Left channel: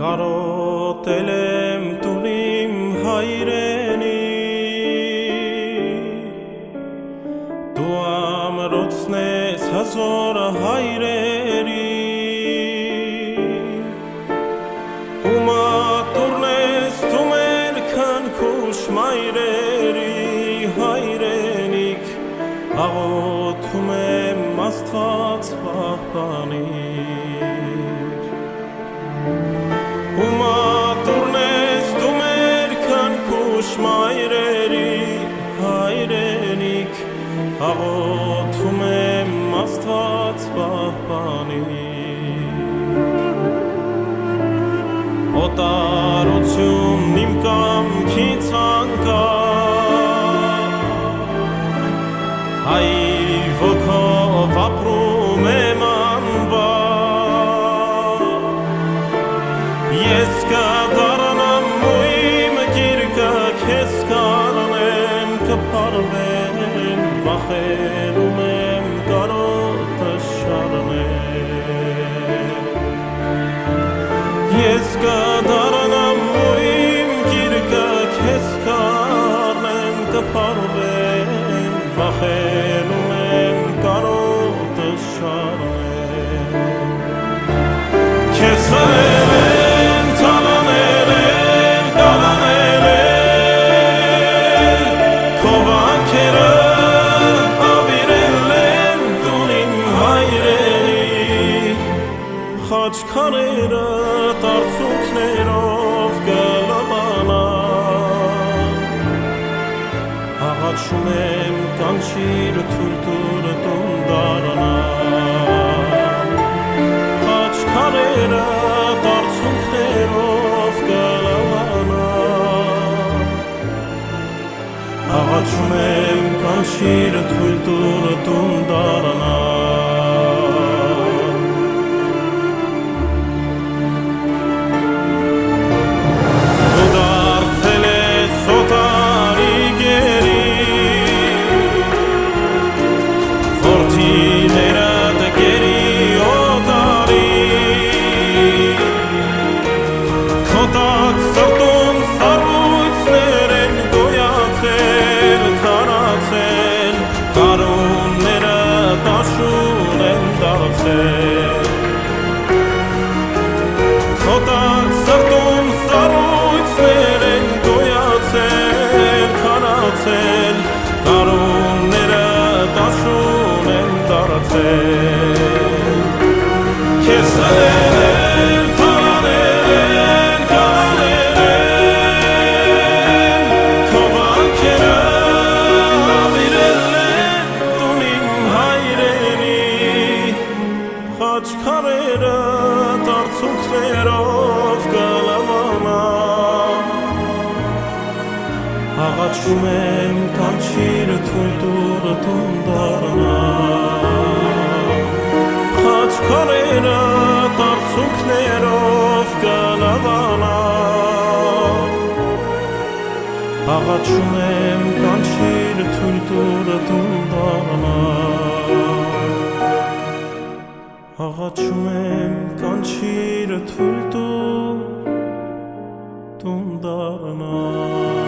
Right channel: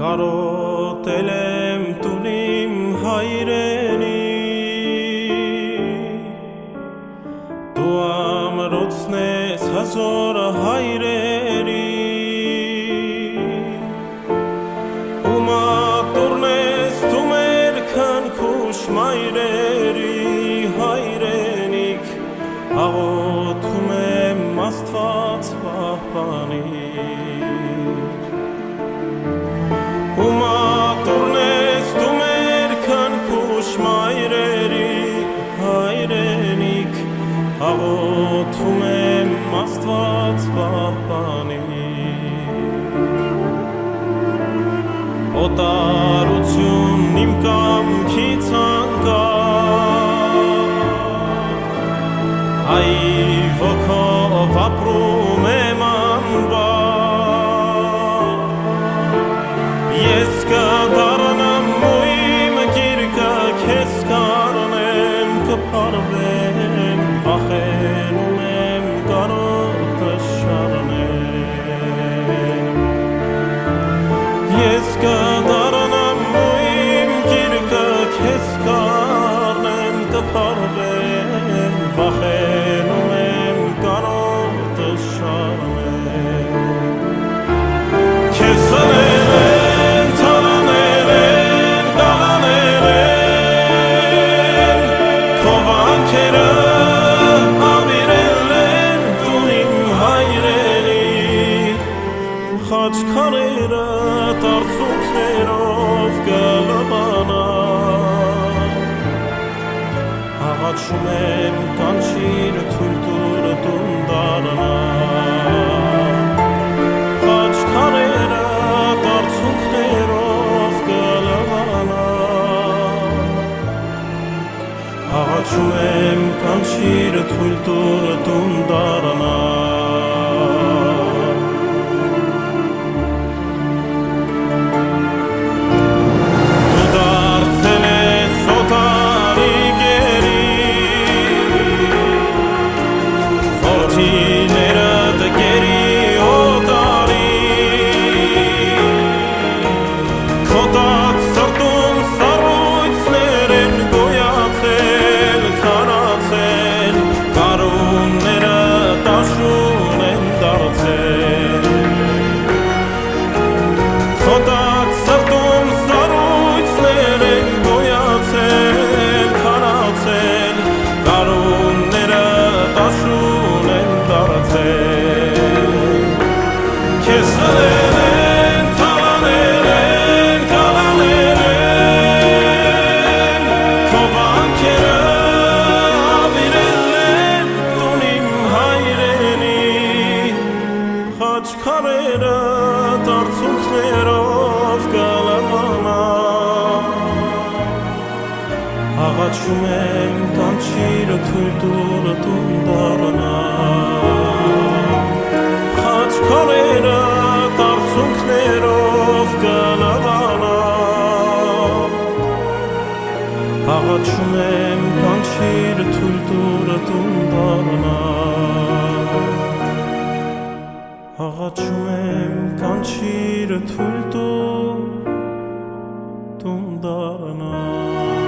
Կարոտել եմ տունիմ հայրենի Դու ամրոցն ես հազոր հայրերի Ու մատուրն ես դու մեր քնքուշ մայրերի հայրենիք Աղոթում եմ Աստված պահպանիր Ու մատուրն ես դու մեր քնքուշ մայրերի հայրենիք Աղոթում եմ Աստված պահպանիր Օտարություն իմ կամքից անկավ Հայր ոգով ապրում եմ անվար Ես կդառնամ ու իմ գիրկը քեզ կանեմ կփարվեմ վախենում եմ կարոտը շարնեմ Ես կդառնամ ու իմ գիրկը քեզ կանեմ կփարվեմ վախենում եմ կարոտը շարնեմ Քեզ սրել են, թալանել են, կալանել են Քո վանքերը ավիրել են տունիմ հայրենի Խաչքարերը տարցունքներով կլվանան Աղաչում եմ կանչիր թույլ տուր տուն դառնամ Խաչքարերը տարցունքներով կլվանան Աղաչում եմ կանչիր թույլ տուր տուն դառնամ Դու դարձել ես օտարի գերի Որդիներդ գերի օտարի Քո տակ սրտում սառույցներ են գոյացել, քարացել Կարունները տաշուն են դարձել Քո տակ սրտում սառույցներ են գոյացել, քարացել Կարունները տաշուն են դարձել Քեզ սրել են, թալանել են, կալանել են Քո վանքերը ավիրել են տունիմ հայրենի Խաչքարերը տարցունքներով կլվանան Աղաչում եմ կանչիր թույլ տուր տուն դառնամ Խաչքարերը տարցունքներով կլվանան Աղաչում եմ կանչիր թույլ տուր տուն դառնամ Աղաչում եմ կանչիր թույլ տուր տուն դառնամ